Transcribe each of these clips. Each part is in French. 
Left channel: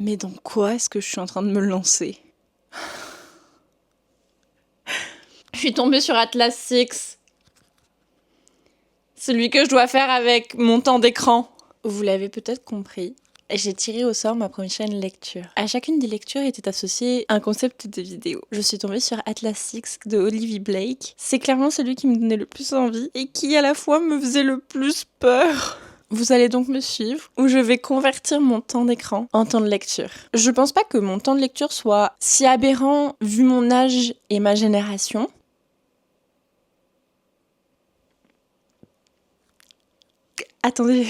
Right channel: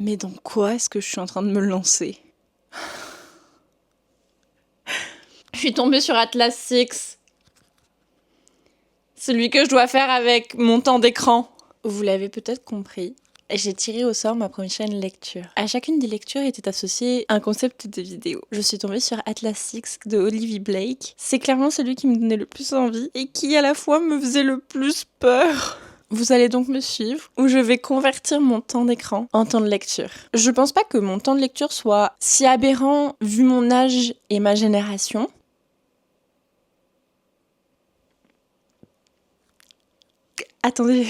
Mais dans quoi est-ce que je suis en train de me lancer? Je suis tombée sur Atlas Six. Celui que je dois faire avec mon temps d'écran. Vous l'avez peut-être compris. J'ai tiré au sort ma prochaine lecture. À chacune des lectures était associé un concept de vidéo. Je suis tombée sur Atlas Six de Olivia Blake. C'est clairement celui qui me donnait le plus envie et qui à la fois me faisait le plus peur. Vous allez donc me suivre, où je vais convertir mon temps d'écran en temps de lecture. Je pense pas que mon temps de lecture soit si aberrant vu mon âge et ma génération. Attendez.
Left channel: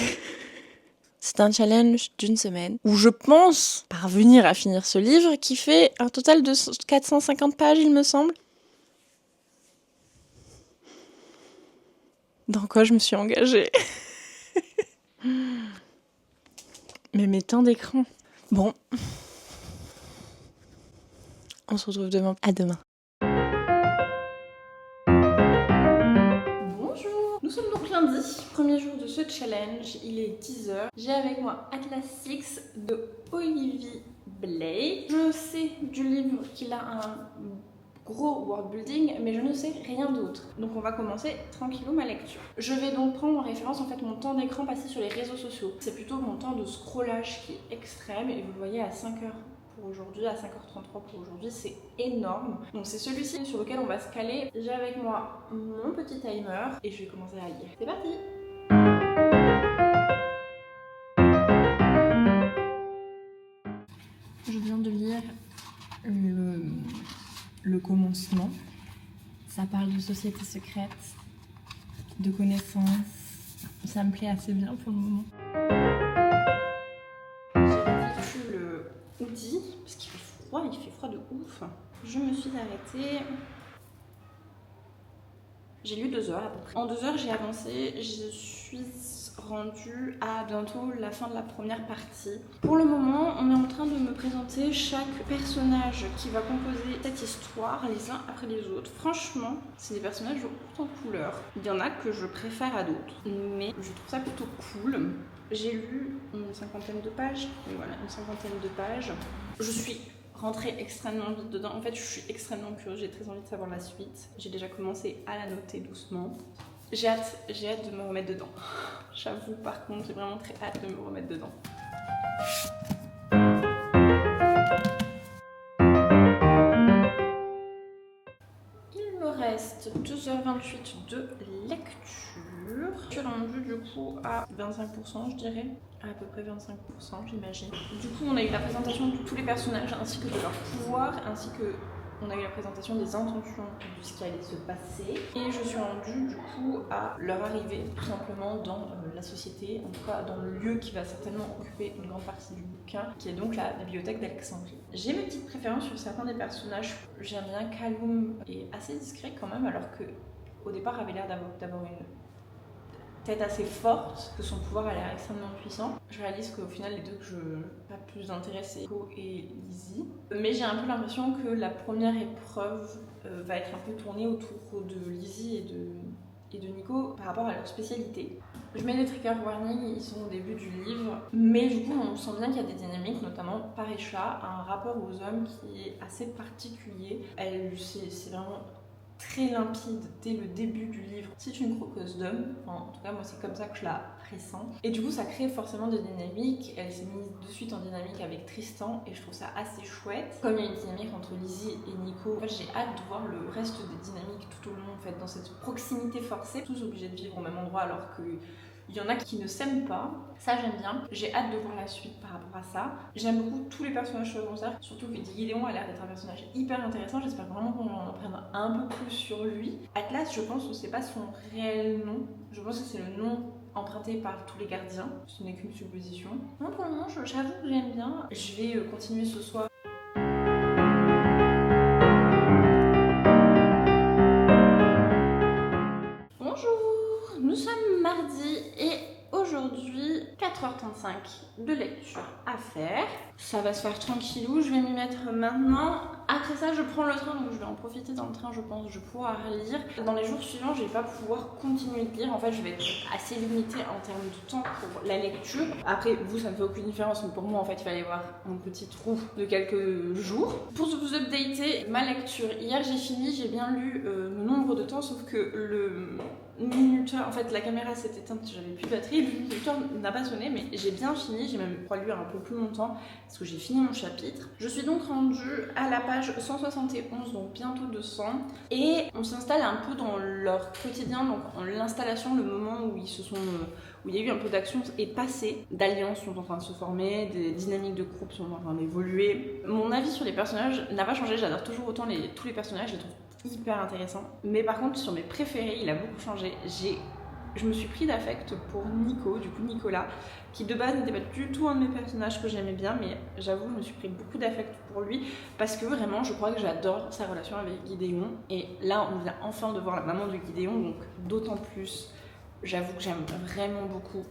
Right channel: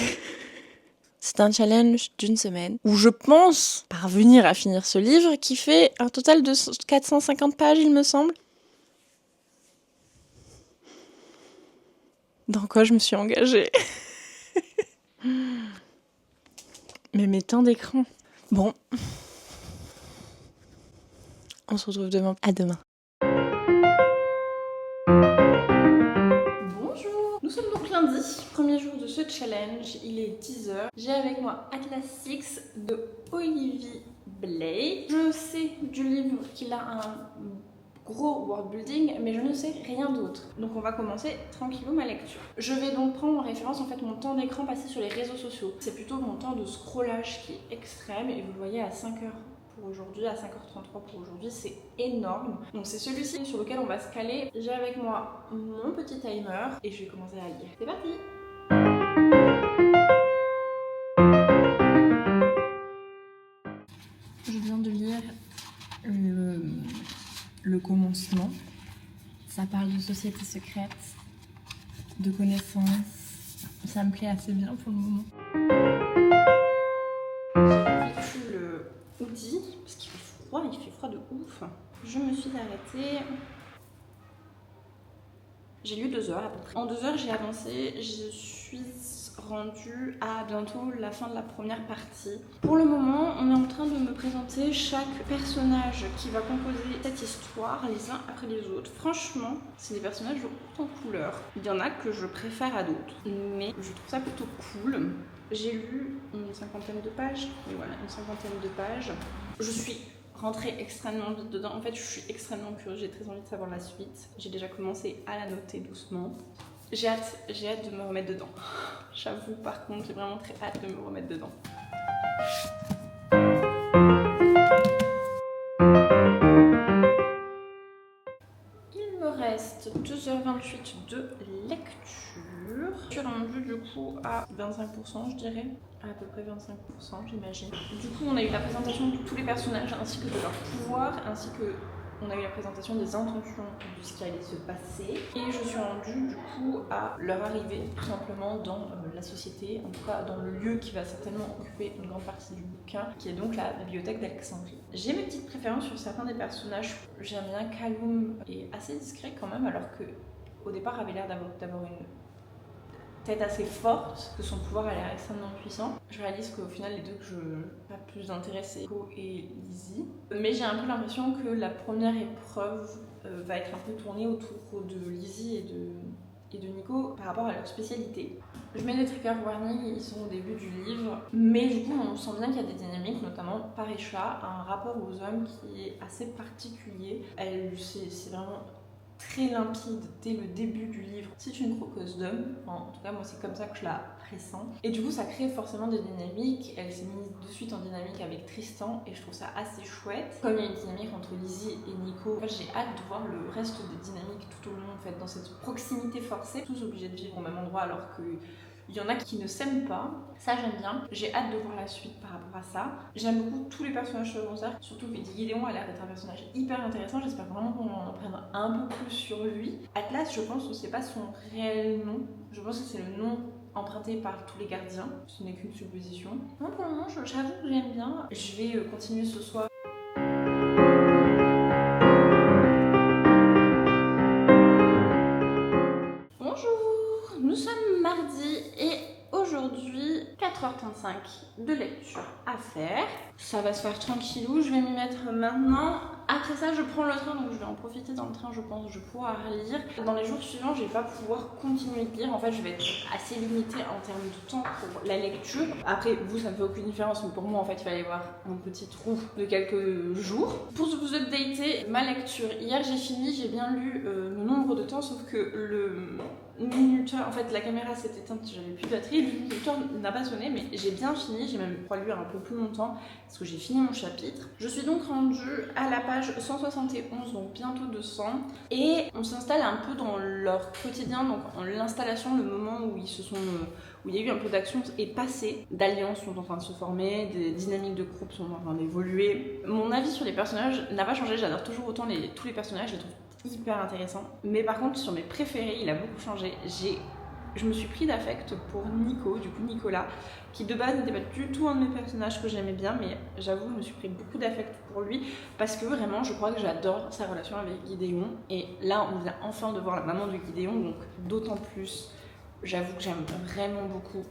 C'est un challenge d'une semaine où je pense parvenir à finir ce livre qui fait un total de 450 pages, il me semble. Dans quoi je me suis engagée? Mais mes temps d'écran. Bon. On se retrouve demain. À demain. Bonjour. Nous sommes donc lundi. Premier jour de ce challenge. Il est 10h. J'ai avec moi Atlas Six de Olivia Blake. Je sais du livre qu'il a un gros world building, mais je ne sais rien d'autre. Donc on va commencer tranquillou ma lecture. Je vais donc prendre en référence en fait mon temps d'écran passé sur les réseaux sociaux. C'est plutôt mon temps de scrollage qui est extrême et vous le voyez à 5h pour aujourd'hui, à 5h33 pour aujourd'hui, c'est énorme. Donc c'est celui-ci sur lequel on va se caler. J'ai avec moi mon petit timer et je vais commencer à lire. C'est parti! Je viens de lire le commencement. Ça parle de société secrète, de connaissances. Ça me plaît assez bien pour le moment. J'ai revêtu le hoodie parce qu'il fait froid de ouf. Je me suis arrêtée. J'ai lu 2 heures à peu près. En 2 heures, j'ai avancé. Je suis rendue à bientôt la fin de la première partie. Pour le moment, on est en train de me présenter chaque personnage qui va composer cette histoire les uns après les autres. Franchement, c'est des personnages haute en couleur. Il y en a que je préfère à d'autres, mais je trouve ça plutôt cool. J'ai lu une 50aine de pages, mais voilà, une 50aine de pages. Je suis rentrée extrêmement vite dedans. En fait, je suis extrêmement curieuse, j'ai très envie de savoir la suite. J'ai déjà commencé à la noter doucement. J'ai hâte de me remettre dedans. J'avoue, par contre, j'ai vraiment très hâte de me remettre dedans. Il me reste 2h28 de lecture. Je suis rendue du coup à 25%, je dirais. À peu près 25%, j'imagine. Du coup, on a eu la présentation de tous les personnages ainsi que de leurs pouvoirs, ainsi que on a eu la présentation des intentions de ce qui allait se passer. Et je suis rendue du coup à leur arrivée tout simplement dans la société, en tout cas dans le lieu qui va certainement occuper une grande partie du bouquin, qui est donc la bibliothèque d'Alexandrie. J'ai mes petites préférences sur certains des personnages. J'aime bien Kaloum, est assez discret quand même, alors que au départ avait l'air d'avoir une tête assez forte, que son pouvoir a l'air extrêmement puissant. Je réalise qu'au final, les deux que je pas plus d'intérêt, c'est Nico et Lizzie. Mais j'ai un peu l'impression que la première épreuve va être un peu tournée autour de Lizzie et de Nico par rapport à leur spécialité. Je mets des trigger warnings, ils sont au début du livre, mais du coup on sent bien qu'il y a des dynamiques, notamment Parecha, un rapport aux hommes qui est assez particulier. C'est vraiment très limpide dès le début du livre. C'est une croqueuse d'homme, enfin, en tout cas moi c'est comme ça que je la pressens. Et du coup ça crée forcément des dynamiques. Elle s'est mise de suite en dynamique avec Tristan et je trouve ça assez chouette. Comme il y a une dynamique entre Lizzie et Nico, en fait, j'ai hâte de voir le reste des dynamiques tout au long, en fait, dans cette proximité forcée, tous obligés de vivre au même endroit alors que il y en a qui ne s'aiment pas, ça j'aime bien. J'ai hâte de voir la suite par rapport à ça. J'aime beaucoup tous les personnages secondaires, surtout que Gideon a l'air d'être un personnage hyper intéressant. J'espère vraiment qu'on en apprenne un peu plus sur lui. Atlas, je pense que c'est pas son réel nom. Je pense que c'est le nom emprunté par tous les gardiens. Ce n'est qu'une supposition. Moi pour le moment, j'avoue que j'aime bien. Je vais continuer ce soir. Bonjour, nous sommes mardi et aujourd'hui 4h35 de lecture à faire. Ça va se faire tranquillou, je vais m'y mettre maintenant. A Après ça, je prends le train, donc je vais en profiter dans le train, je pense, je vais pouvoir lire. Dans les jours suivants, je vais pas pouvoir continuer de lire. En fait, je vais être assez limitée en termes de temps pour la lecture. Après, vous, ça ne fait aucune différence, mais pour moi, en fait, il fallait avoir un petit trou de quelques jours. Pour vous updater ma lecture, hier j'ai fini, j'ai bien lu le nombre de temps, sauf que le minuteur, en fait la caméra s'est éteinte, j'avais plus de batterie, le minuteur n'a pas sonné, mais j'ai bien fini, j'ai même pu lire un peu plus longtemps parce que j'ai fini mon chapitre. Je suis donc rendue à la page 171, donc bientôt 200, et on s'installe un peu dans leur quotidien, donc en l'installation, le moment où ils se sont où il y a eu un peu d'action est passé, d'alliances sont en train de se former, des dynamiques de groupe sont en train d'évoluer. Mon avis sur les personnages n'a pas changé, j'adore toujours autant tous les personnages, je les trouve hyper intéressants. Mais par contre, sur mes préférés, il a beaucoup changé. Je me suis pris d'affect pour Nico, du coup Nicolas, qui de base n'était pas du tout un de mes personnages que j'aimais bien, mais j'avoue, je me suis pris beaucoup d'affect pour lui, parce que vraiment, je crois que j'adore sa relation avec Gideon. Et là, on vient enfin de voir la maman de Gideon, donc d'autant plus, j'avoue que j'aime vraiment beaucoup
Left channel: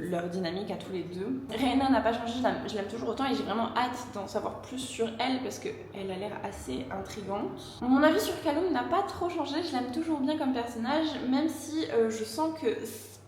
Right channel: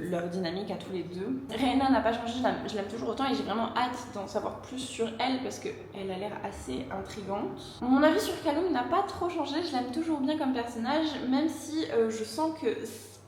leur dynamique à tous les deux. Rhaena n'a pas changé, je l'aime toujours autant et j'ai vraiment hâte d'en savoir plus sur elle parce qu'elle a l'air assez intrigante. Mon avis sur Calum n'a pas trop changé, je l'aime toujours bien comme personnage, même si je sens que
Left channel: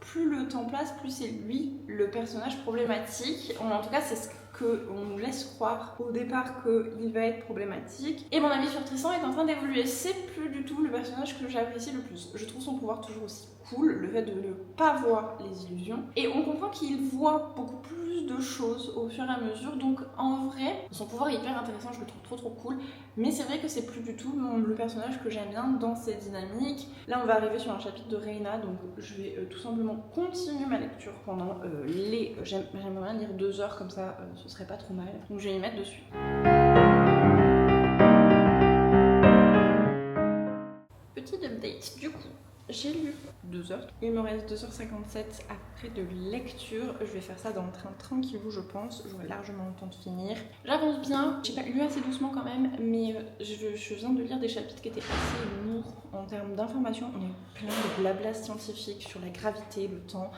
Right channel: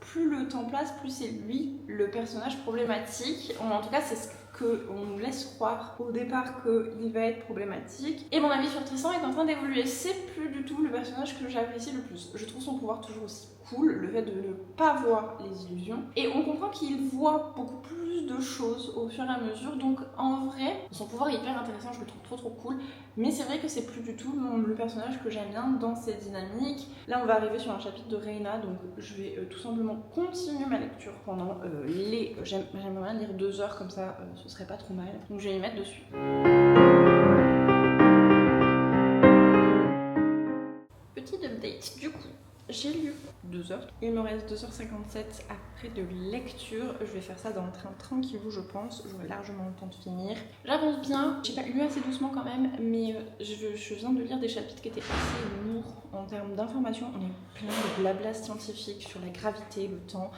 plus le temps passe, plus c'est lui le personnage problématique. En tout cas, c'est ce qu'on nous laisse croire au départ qu'il va être problématique. Et mon avis sur Tristan est en train d'évoluer. C'est plus du tout le personnage que j'apprécie le plus. Je trouve son pouvoir toujours aussi cool, le fait de ne pas voir les illusions. Et on comprend qu'il voit beaucoup plus de choses au fur et à mesure. Donc en vrai, son pouvoir est hyper intéressant, je le trouve trop cool. Mais c'est vrai que c'est plus du tout le personnage que j'aime bien dans cette dynamique. Là, on va arriver sur un chapitre de Rhaena, donc je vais tout simplement continuer ma lecture pendant j'aimerais bien lire 2 heures comme ça, ce serait pas trop mal. Donc je vais y mettre dessus. Petit update, du coup, j'ai lu 2 heures. Il me reste 2h57 après de lecture. Je vais faire ça dans le train tranquillou, je pense. J'aurai largement le temps de finir. J'avance bien. J'ai pas lu assez doucement quand même, mais je viens de lire des chapitres qui étaient assez lourds en termes d'informations. On a eu plein de blabla scientifique sur la gravité, le temps,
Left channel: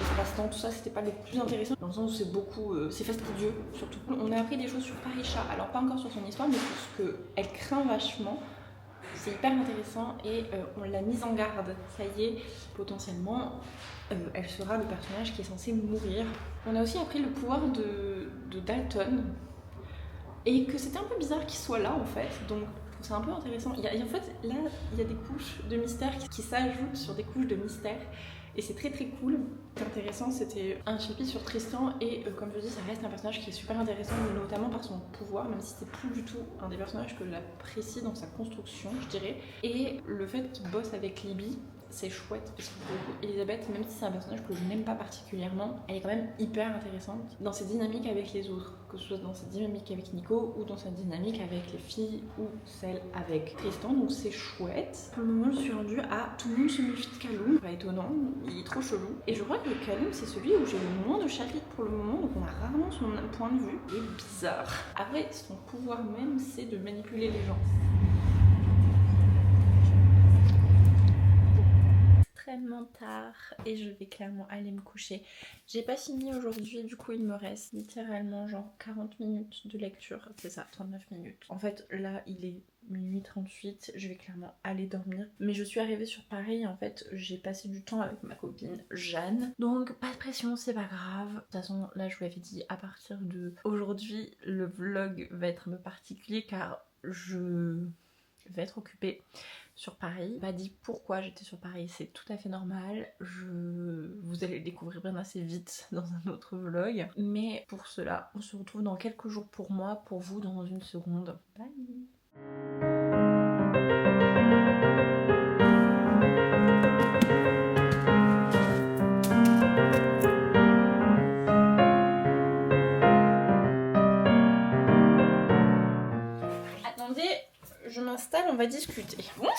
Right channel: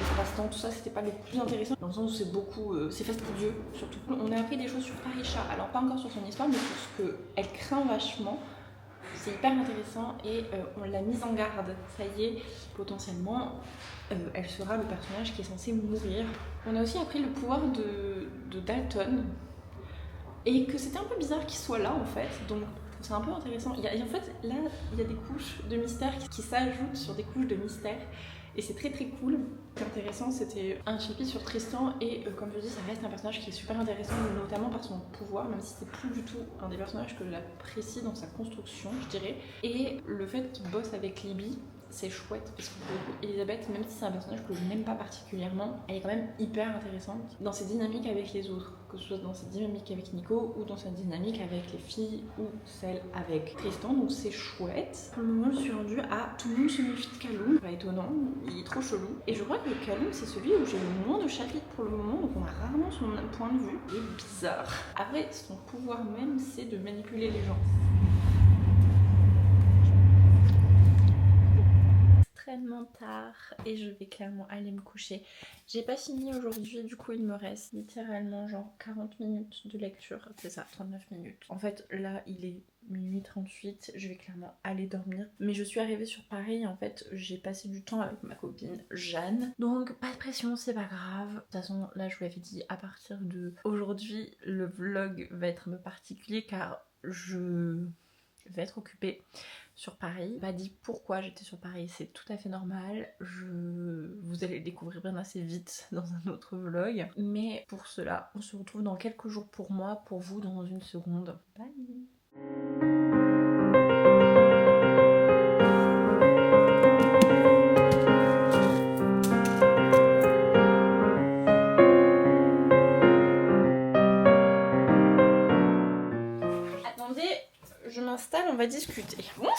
l'espace-temps, tout ça. C'était pas le plus intéressant dans le sens où c'est beaucoup, c'est fastidieux surtout. On a appris des choses sur Parisha. Alors pas encore sur son histoire, mais sur ce qu'elle craint vachement. C'est hyper intéressant et on l'a mise en garde. Ça y est, potentiellement, elle sera le personnage qui est censé mourir. On a aussi appris le pouvoir de Dalton et que c'était un peu bizarre qu'il soit là en fait. Donc c'est un peu intéressant. En fait, là, il y a des couches de mystère qui s'ajoutent sur des couches de mystère. Et c'est très cool. Ce qui est intéressant, c'était un chapitre sur Tristan et comme je dis, ça reste un personnage qui est super intéressant, notamment par son pouvoir, même si c'est plus du tout un des personnages que j'apprécie dans sa construction, je dirais. Et le fait qu'il bosse avec Libby, c'est chouette parce que Elisabeth, même si c'est un personnage que je n'aime pas particulièrement, elle est quand même hyper intéressante dans ses dynamiques avec les autres, que ce soit dans sa dynamique avec Nico ou dans sa dynamique avec les filles ou celle avec Tristan, donc c'est chouette. Pour le moment, je suis rendue à tout le monde se méfie de Calum, pas étonnant, il est trop chelou. Et je crois que Calum, c'est celui où j'ai le moins de chapitres pour le moment, donc on a rarement son point de vue. Il est bizarre. Après, son pouvoir même, c'est de manipuler les gens. Extrêmement tard et je vais clairement aller me coucher. J'ai pas fini aujourd'hui, du coup il me reste littéralement genre 40 minutes de lecture, c'est ça, 39 minutes. En fait là il est minuit 38, je vais clairement aller dormir. Mais je suis arrivée sur Paris, en fait j'ai passé du temps avec ma copine Jeanne. Donc pas de pression, c'est pas grave. De toute façon là je vous l'avais dit, à partir de aujourd'hui le vlog va être un peu particulier car je vais être occupée sur Paris. Pas dit pourquoi j'étais sur Paris, c'est tout à fait normal. Vous allez le découvrir bien assez vite dans un autre vlog. Mais pour cela, on se retrouve dans quelques jours pour moi, pour vous dans une seconde. Bye. Attendez, je m'installe, on va discuter. Bonjour!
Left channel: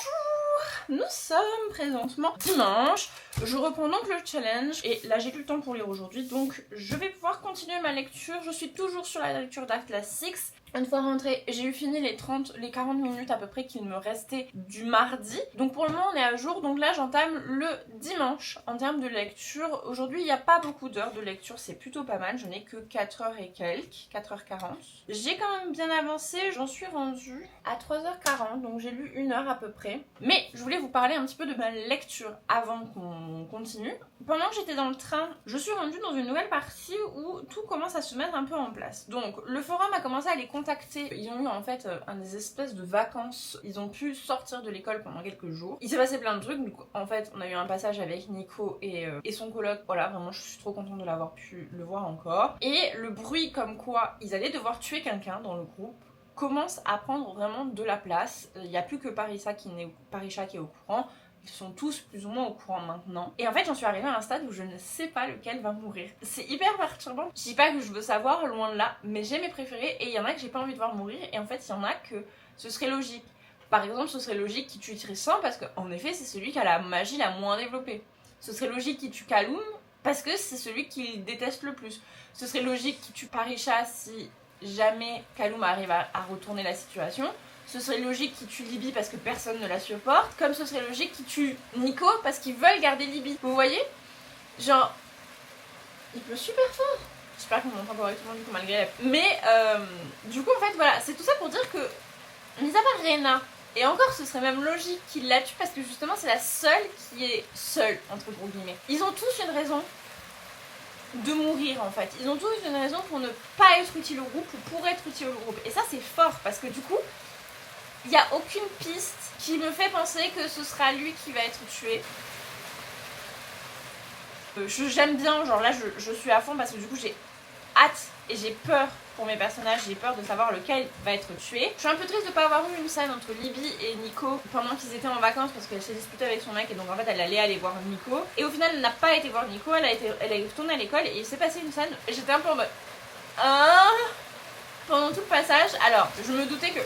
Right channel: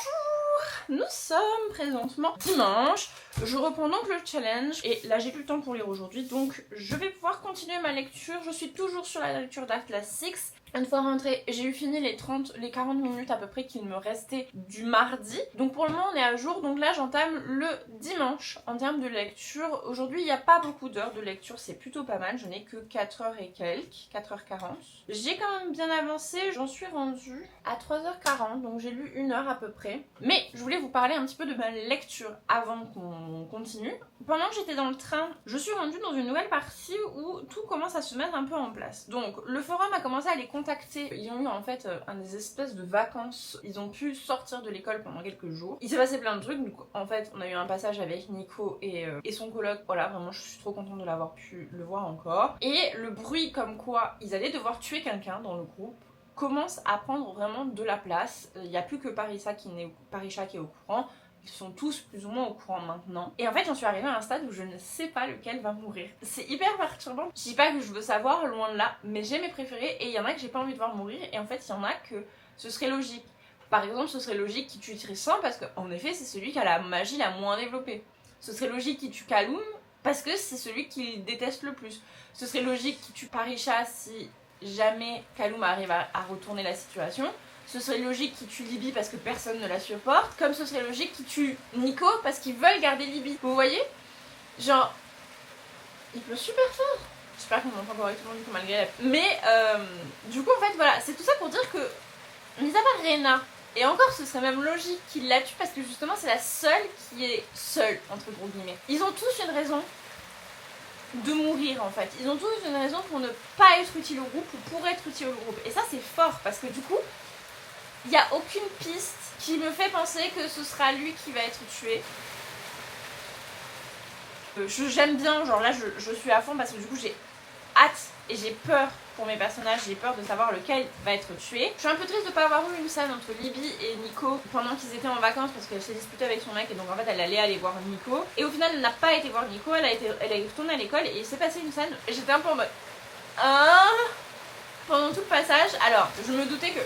Nous sommes présentement dimanche, je reprends donc le challenge et là j'ai du temps pour lire aujourd'hui donc je vais pouvoir continuer ma lecture. Je suis toujours sur la lecture d'Atlas Six. Une fois rentrée, j'ai eu fini les 40 minutes à peu près qu'il me restait du mardi. Donc pour le moment on est à jour, donc là j'entame le dimanche en termes de lecture. Aujourd'hui il n'y a pas beaucoup d'heures de lecture, c'est plutôt pas mal, je n'ai que 4 heures et quelques, 4h40. J'ai quand même bien avancé, j'en suis rendue à 3h40, donc j'ai lu 1 heure à peu près. Mais je voulais vous parler un petit peu de ma lecture avant qu'on continue. Pendant que j'étais dans le train, je suis rendue dans une nouvelle partie où tout commence à se mettre un peu en place. Donc le forum a commencé à les contacter. Ils ont eu en fait des espèces de vacances. Ils ont pu sortir de l'école pendant quelques jours. Il s'est passé plein de trucs. Donc, en fait, on a eu un passage avec Nico et son coloc. Voilà, vraiment, je suis trop contente de l'avoir pu le voir encore. Et le bruit comme quoi ils allaient devoir tuer quelqu'un dans le groupe commence à prendre vraiment de la place. Il n'y a plus que Parisha qui est au courant. Ils sont tous plus ou moins au courant maintenant. Et en fait, j'en suis arrivée à un stade où je ne sais pas lequel va mourir. C'est hyper perturbant. Je dis pas que je veux savoir, loin de là, mais j'ai mes préférés et il y en a que j'ai pas envie de voir mourir. Et en fait, il y en a que ce serait logique. Par exemple, ce serait logique qu'il tue Tristan parce qu'en effet, c'est celui qui a la magie la moins développée. Ce serait logique qu'il tue Kaloum parce que c'est celui qu'il déteste le plus. Ce serait logique qu'il tue Parisha si jamais Kaloum arrive à retourner la situation. Ce serait logique qu'il tue Libby parce que personne ne la supporte, comme ce serait logique qu'il tue Nico parce qu'ils veulent garder Libby. Vous voyez? Genre, il pleut super fort. J'espère qu'on m'entend correctement du coup malgré la... Mais du coup en fait voilà, c'est tout ça pour dire que, mis à part Rena, et encore ce serait même logique qu'il la tue parce que justement c'est la seule qui est seule, entre gros guillemets. Ils ont tous une raison de mourir en fait. Ils ont tous une raison pour ne pas être utiles au groupe ou pour être utiles au groupe. Et ça c'est fort parce que du coup, il n'y a aucune piste qui me fait penser que ce sera lui qui va être tué. J'aime bien, genre là je suis à fond parce que du coup j'ai hâte et j'ai peur pour mes personnages, j'ai peur de savoir lequel va être tué. Je suis un peu triste de pas avoir eu une scène entre Libby et Nico pendant qu'ils étaient en vacances parce qu'elle s'est disputée avec son mec et donc en fait elle allait aller voir Nico. Et au final elle n'a pas été voir Nico, elle est retournée à l'école et il s'est passé une scène et j'étais un peu en mode... Pendant tout le passage, alors je me doutais que...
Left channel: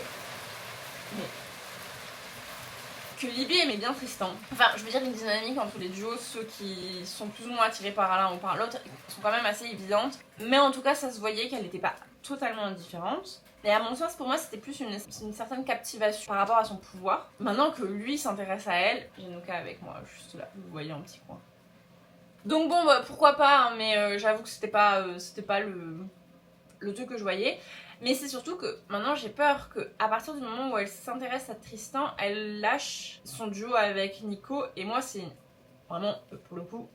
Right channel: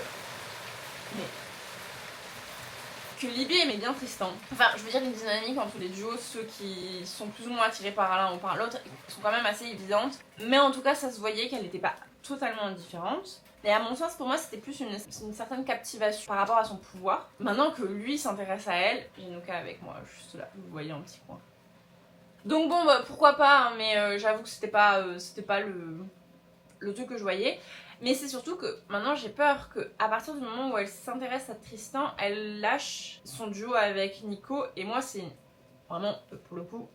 que Libby aimait bien Tristan. Enfin, je veux dire, une dynamique entre les duos, ceux qui sont plus ou moins attirés par l'un ou par l'autre, sont quand même assez évidentes. Mais en tout cas, ça se voyait qu'elle n'était pas totalement indifférente. Et à mon sens, pour moi, c'était plus une certaine captivation par rapport à son pouvoir. Maintenant que lui s'intéresse à elle, j'ai Nuka avec moi, juste là, vous voyez en petit coin. Donc bon, bah, pourquoi pas, hein, mais j'avoue que c'était pas le truc que je voyais. Mais c'est surtout que maintenant j'ai peur qu'à partir du moment où elle s'intéresse à Tristan, elle lâche son duo avec Nico. Et moi c'est vraiment, pour le coup,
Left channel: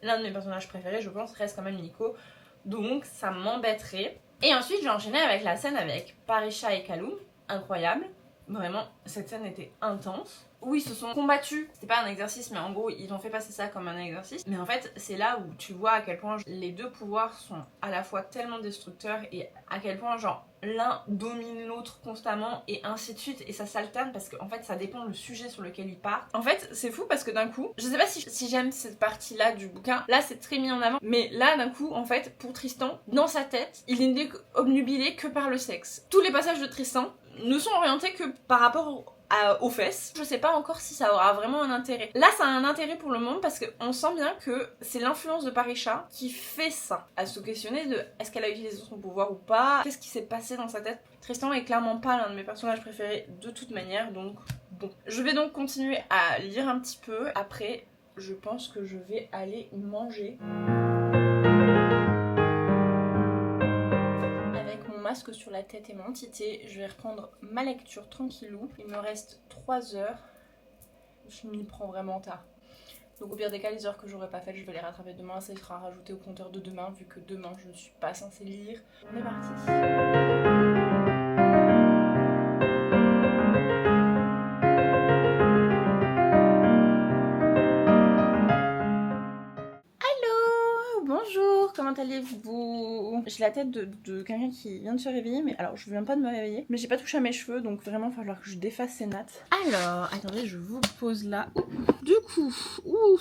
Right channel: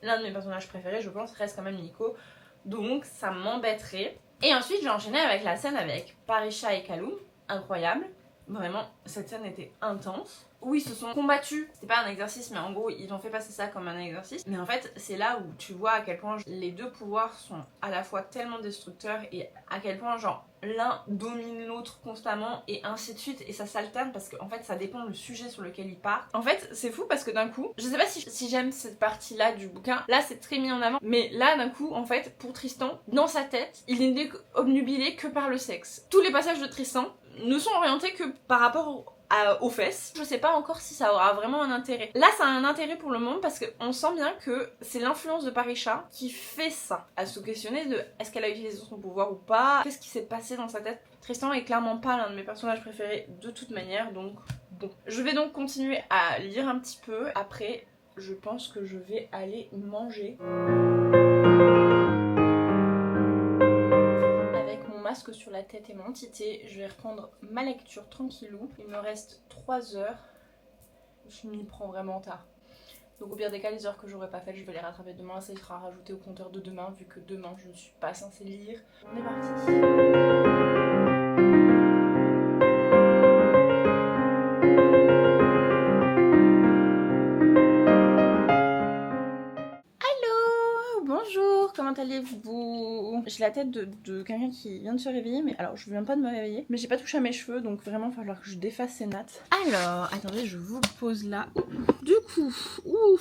l'un de mes personnages préférés, je pense, reste quand même Nico. Donc ça m'embêterait. Et ensuite j'ai enchaîné avec la scène avec Parisha et Kaloum. Incroyable. Vraiment, cette scène était intense. Où ils se sont combattus, c'était pas un exercice mais en gros ils ont fait passer ça comme un exercice. Mais en fait c'est là où tu vois à quel point les deux pouvoirs sont à la fois tellement destructeurs et à quel point genre l'un domine l'autre constamment et ainsi de suite et ça s'alterne parce qu'en fait ça dépend du sujet sur lequel ils partent. En fait c'est fou parce que d'un coup, je sais pas si j'aime cette partie là du bouquin, là c'est très mis en avant, mais là d'un coup en fait pour Tristan, dans sa tête, il n'est obnubilé que par le sexe. Tous les passages de Tristan ne sont orientés que par rapport aux fesses. Je sais pas encore si ça aura vraiment un intérêt. Là ça a un intérêt pour le moment parce qu'on sent bien que c'est l'influence de Parisha qui fait ça. À se questionner de est-ce qu'elle a utilisé son pouvoir ou pas, qu'est-ce qui s'est passé dans sa tête. Tristan est clairement pas l'un de mes personnages préférés de toute manière, donc bon. Je vais donc continuer à lire un petit peu. Après je pense que je vais aller manger. Masque sur la tête et mon tité, je vais reprendre ma lecture tranquillou. Il me reste 3 heures. Je m'y prends vraiment tard. Donc au pire des cas, les heures que j'aurais pas faites, je vais les rattraper demain. Ça sera rajouté au compteur de demain, vu que demain je ne suis pas censée lire. On est parti. Bonjour, comment allez-vous? J'ai la tête de quelqu'un qui vient de se réveiller, mais alors je viens pas de me réveiller, mais j'ai pas touché à mes cheveux, donc vraiment il va falloir que je défasse ces nattes. Alors, attendez, je vous pose là. Du coup,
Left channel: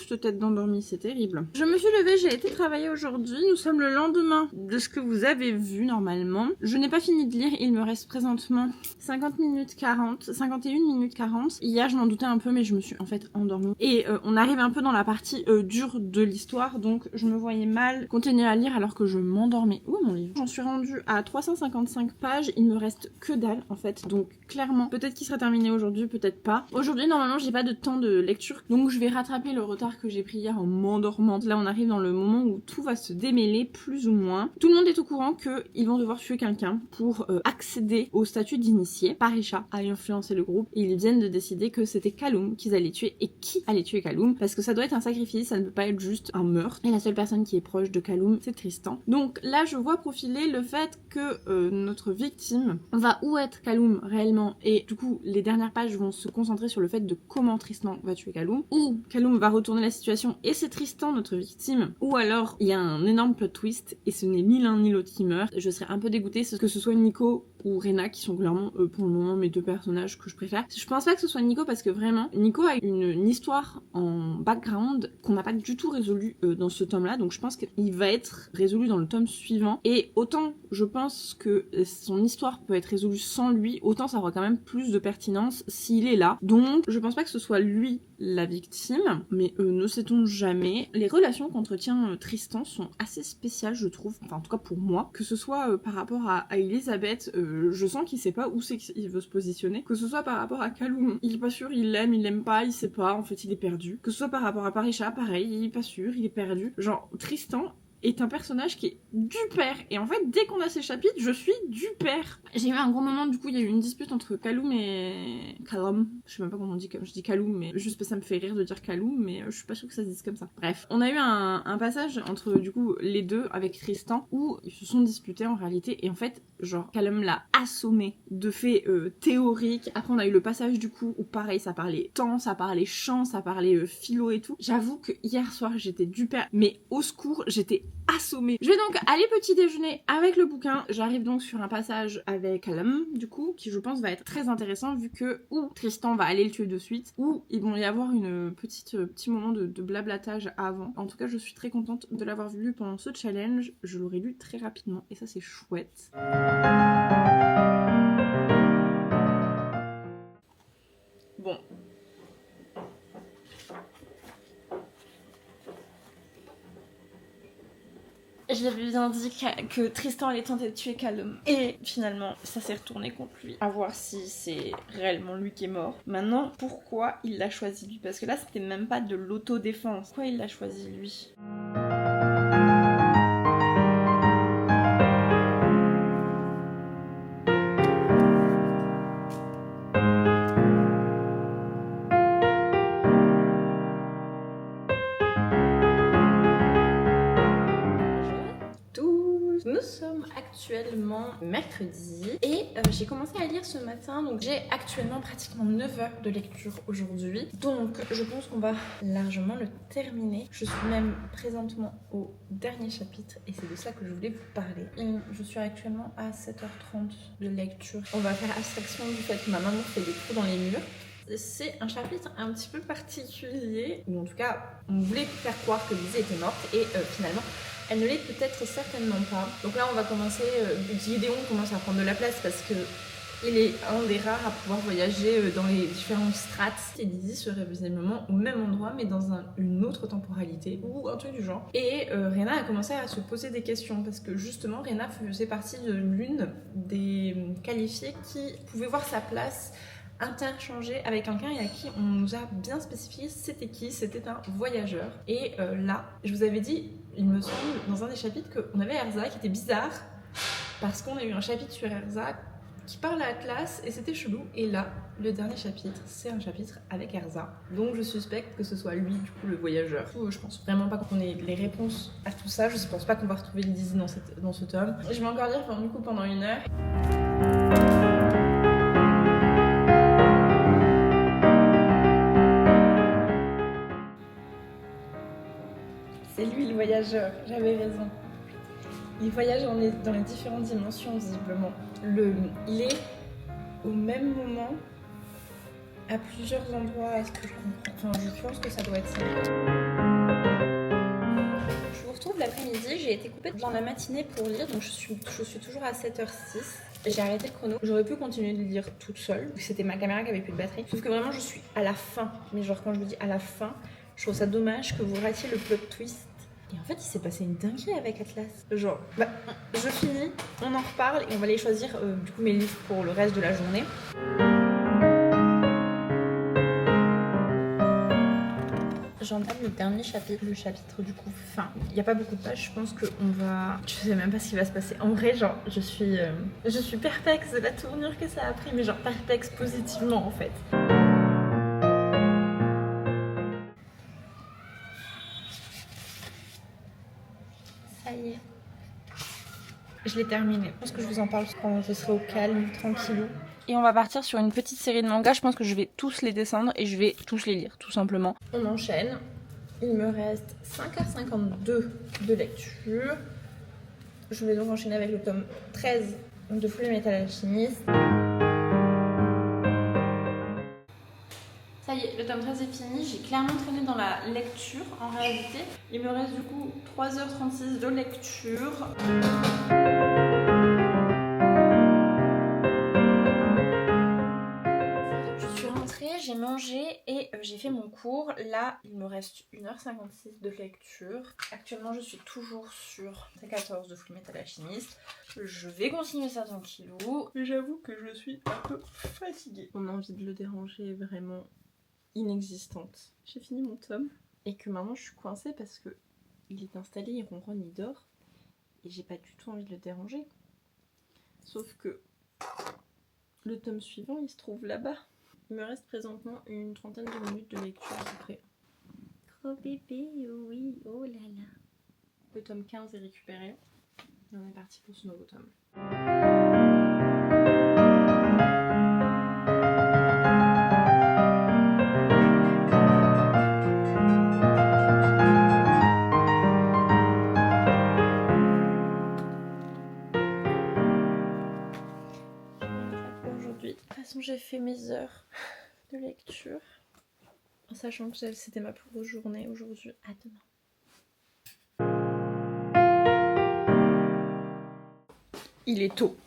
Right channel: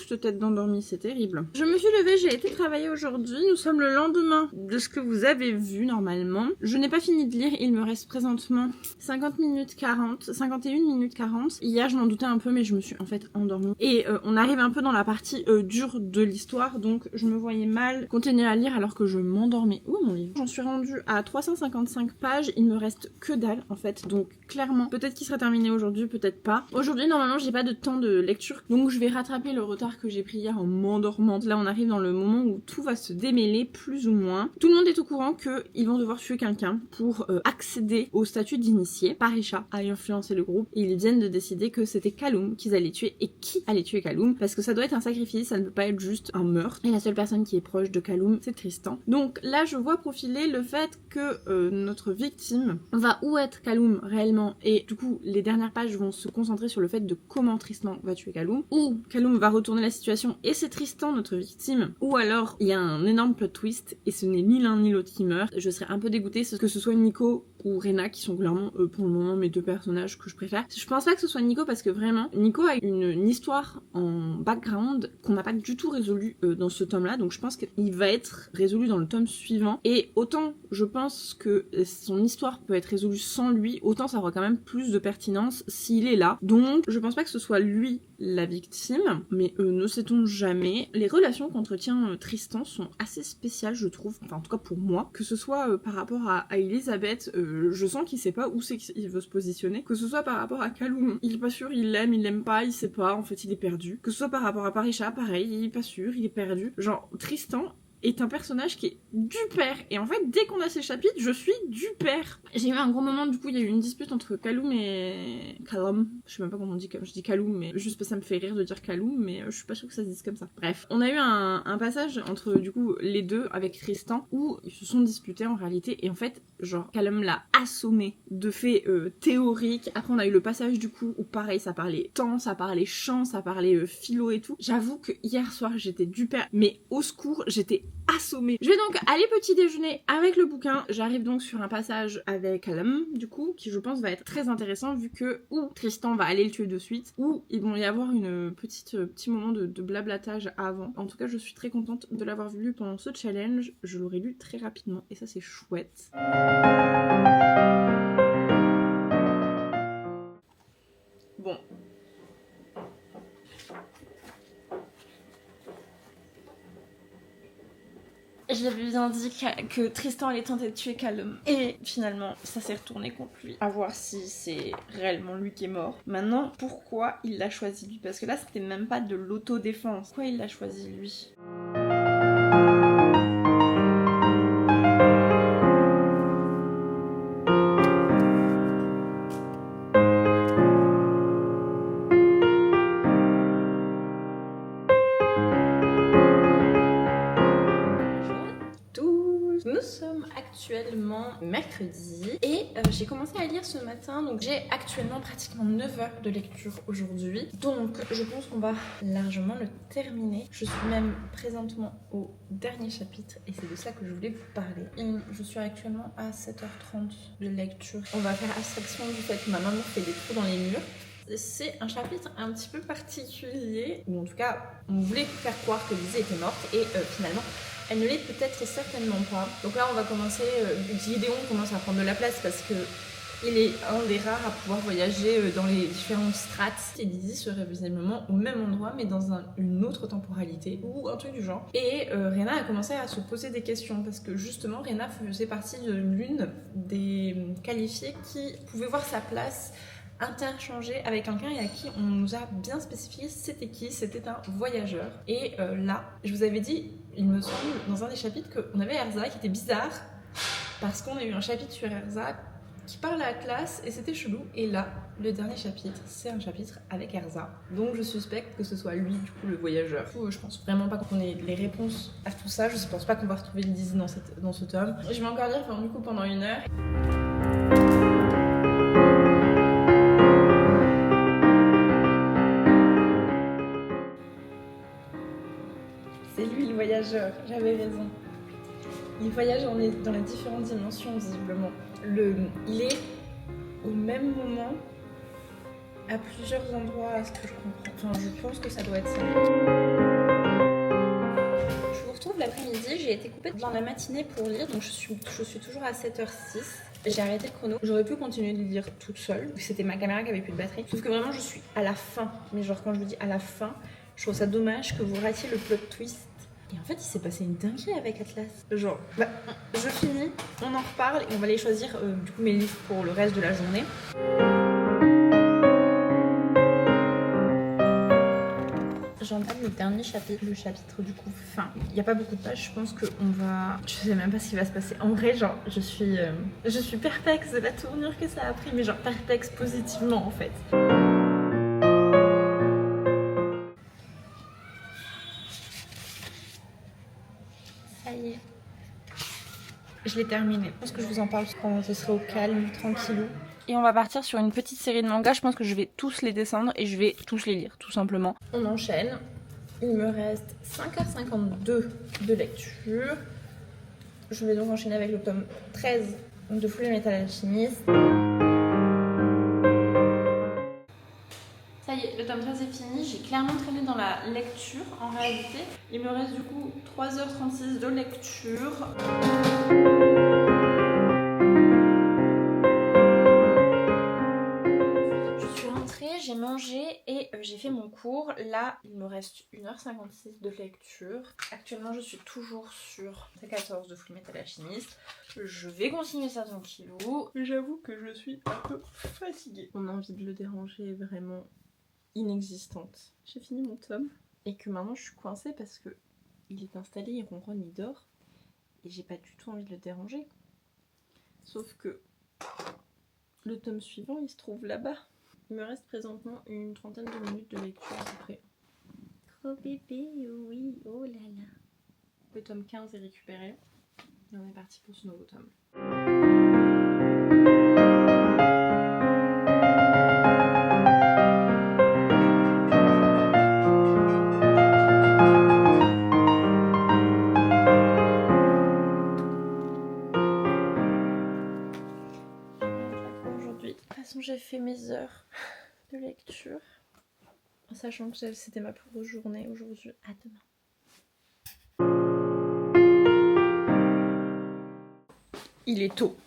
cette tête d'endormie, c'est terrible. Je me suis levée, j'ai été travailler aujourd'hui. Nous sommes le lendemain de ce que vous avez vu normalement. Je n'ai pas fini de lire, il me reste présentement 50 minutes 40, 51 minutes 40. Hier, je m'en doutais un peu, mais je me suis en fait endormie. Et on arrive un peu dans la partie dure de l'histoire, donc je me voyais mal continuer à lire alors que je m'endormais. Où est mon livre? J'en suis rendue à 355 pages, il me reste que dalle en fait, donc clairement, peut-être qu'il sera terminé aujourd'hui, peut-être pas. Aujourd'hui, normalement, j'ai pas de temps de lecture, donc je vais rattraper le retard que j'ai pris hier en m'endormant. Là, on arrive dans le moment où tout va se démêler, plus ou moins. Tout le monde est au courant qu'ils vont devoir tuer quelqu'un pour accéder au statut d'initié. Parisha a influencé le groupe et ils viennent de décider que c'était Kaloum qu'ils allaient tuer et qui allait tuer Kaloum, parce que ça doit être un sacrifice, ça ne peut pas être juste un meurtre. Et la seule personne qui est proche de Kaloum, c'est Tristan. Donc là, je vois profiler le fait que notre victime va où être Kaloum réellement, et du coup, les dernières pages vont se concentrer sur le fait de comment Tristan va tuer Kaloum, ou Kaloum va retourner la situation et c'est Tristan notre victime, ou alors il y a un énorme plot twist et ce n'est ni l'un ni l'autre qui meurt. Je serais un peu dégoûtée que ce soit Nico ou Rena qui sont clairement pour le moment mes deux personnages que je préfère. Je pense pas que ce soit Nico parce que vraiment Nico a une histoire en background qu'on n'a pas du tout résolue dans ce tome là, donc je pense qu'il va être résolu dans le tome suivant, et autant je pense que son histoire peut être résolue sans lui, autant ça aura quand même plus de pertinence s'il est là. Donc je pense pas que ce soit lui la victime, mais ne sait-on jamais. Les relations qu'entretient Tristan sont assez spéciales, je trouve, enfin en tout cas pour moi, que ce soit par rapport à Elisabeth, je sens qu'il sait pas où c'est qu'il veut se positionner, que ce soit par rapport à Kaloum, il est pas sûr, il l'aime pas, il sait pas, en fait il est perdu, que ce soit par rapport à Parisha, pareil, il est pas sûr, il est perdu. Genre Tristan est un personnage qui est du père, et en fait dès qu'on a ces chapitres je suis du père. J'ai eu un gros moment, du coup il y a eu une dispute entre Kaloum et Kaloum, je sais même pas comment on dit, je dis Kaloum mais juste parce que ça me fait rire de dire Kaloum, mais je suis pas sûre que ça se dise comme ça. Bref, on a eu un passage entre du coup les deux avec Tristan où ils se sont disputés en réalité, et en fait genre Kaloum l'a assommé de faits théoriques. Après on a eu le passage du coup où pareil ça parlait temps, ça parlait chant, ça parlait philo et tout. J'avoue que hier soir j'étais du père, mais au secours, j'étais assommée. Je vais donc aller petit déjeuner avec le bouquin. J'arrive donc sur un passage avec Kaloum du coup qui je pense va être très intéressant, vu que ou Tristan va aller le tuer de suite, ou il va y avoir une petit moment de blablatage avant. En tout cas je suis très contente de l'avoir lu pendant ce challenge. Je l'aurais lu très rapidement et ça c'est chouette. Bon. J'avais bien dit que Tristan allait tenter de tuer Kaloum. Et finalement, ça s'est retourné contre lui. À voir si c'est réellement lui qui est mort. Maintenant, pourquoi il l'a choisi lui? Parce que là, c'était même pas de l'autodéfense. Pourquoi il l'a choisi lui? Nous sommes actuellement mercredi et j'ai commencé à lire ce matin, donc j'ai actuellement pratiquement 9 heures de lecture aujourd'hui, donc je pense qu'on va largement le terminer. Je suis même présentement au dernier chapitre et c'est de ça que je voulais vous parler. Je suis actuellement à 7h30 de lecture. On va faire abstraction du fait que ma maman fait des trous dans les murs. C'est un chapitre un petit peu particulier, ou en tout cas on voulait faire croire que Lizzie était morte et finalement elle ne l'est peut-être certainement pas. Donc là on va commencer, Gideon commence à prendre de la place parce que il est un des rares à pouvoir voyager dans les différentes strates. Et Lizzie serait visiblement au même endroit mais dans une autre temporalité ou un truc du genre. Et Rena a commencé à se poser des questions parce que justement Rena faisait partie de l'une des qualifiées qui pouvait voir sa place interchanger avec quelqu'un et à qui on nous a bien spécifié c'était qui, c'était un voyageur. Et là, je vous avais dit, il me semble, dans un des chapitres qu'on avait Erza qui était bizarre parce qu'on a eu un chapitre sur Erza qui parle à la classe et c'était chelou. Et là, le dernier chapitre, c'est un chapitre avec Erza. Donc je suspecte que ce soit lui, du coup, le voyageur. Du coup, je pense vraiment pas qu'on ait les réponses à tout ça. Je pense pas qu'on va retrouver le Lizzie dans ce tome. Je vais encore lire du coup pendant 1 heure. C'est lui le voyageur, j'avais raison. Il voyage dans les différentes dimensions visiblement. Il est au même moment à plusieurs endroits, à ce que je comprends. Enfin, je pense que ça doit être ça. Je vous retrouve l'après-midi, j'ai été coupée dans la matinée pour lire, donc je suis toujours à 7h06. J'ai arrêté le chrono. J'aurais pu continuer de lire toute seule. C'était ma caméra qui avait plus de batterie. Sauf que vraiment, je suis à la fin. Mais genre, quand je vous dis à la fin, je trouve ça dommage que vous ratiez le plot twist. Et en fait, il s'est passé une dinguerie avec Atlas. Genre, je finis, on en reparle et on va aller choisir du coup mes livres pour le reste de la journée. J'entame le dernier chapitre, le chapitre du coup fin. Il n'y a pas beaucoup de pages, je pense qu'on va... Je sais même pas ce qui va se passer. En vrai, genre, je suis perplexe de la tournure que ça a pris, mais genre perplexe positivement en fait. Ça y est. Je l'ai terminé. Je pense que je vous en parle quand ce serait au calme, tranquillou. Et on va partir sur une petite série de mangas. Je pense que je vais tous les descendre et je vais tous les lire, tout simplement. On enchaîne. Il me reste 5h52 de lecture. Je vais donc enchaîner avec le tome 13 de Fullmetal Alchemist. Ça y est, le tome 13 est fini. J'ai clairement traîné dans la lecture en réalité. Il me reste du coup 3h36 de lecture. J'ai mangé et j'ai fait mon cours. Là, il me reste 1h56 de lecture. Actuellement, je suis toujours sur T14 de Fullmetal Alchemist. Je vais continuer ça tranquillou. Mais j'avoue que je suis un peu fatiguée. Mon envie de le déranger est vraiment inexistante. J'ai fini mon tome et que maintenant je suis coincée parce que il est installé, il ronronne, il dort. Et j'ai pas du tout envie de le déranger. Sauf que le tome suivant, il se trouve là-bas. Il me reste présentement une trentaine de minutes de lecture à peu près. Gros bébé, oui, oh là là. Le tome 15 est récupéré. Et on est parti pour ce nouveau tome. Aujourd'hui, de toute façon, j'ai fait mes heures de lecture. En sachant que c'était ma plus grosse journée aujourd'hui. À demain. Il est tôt.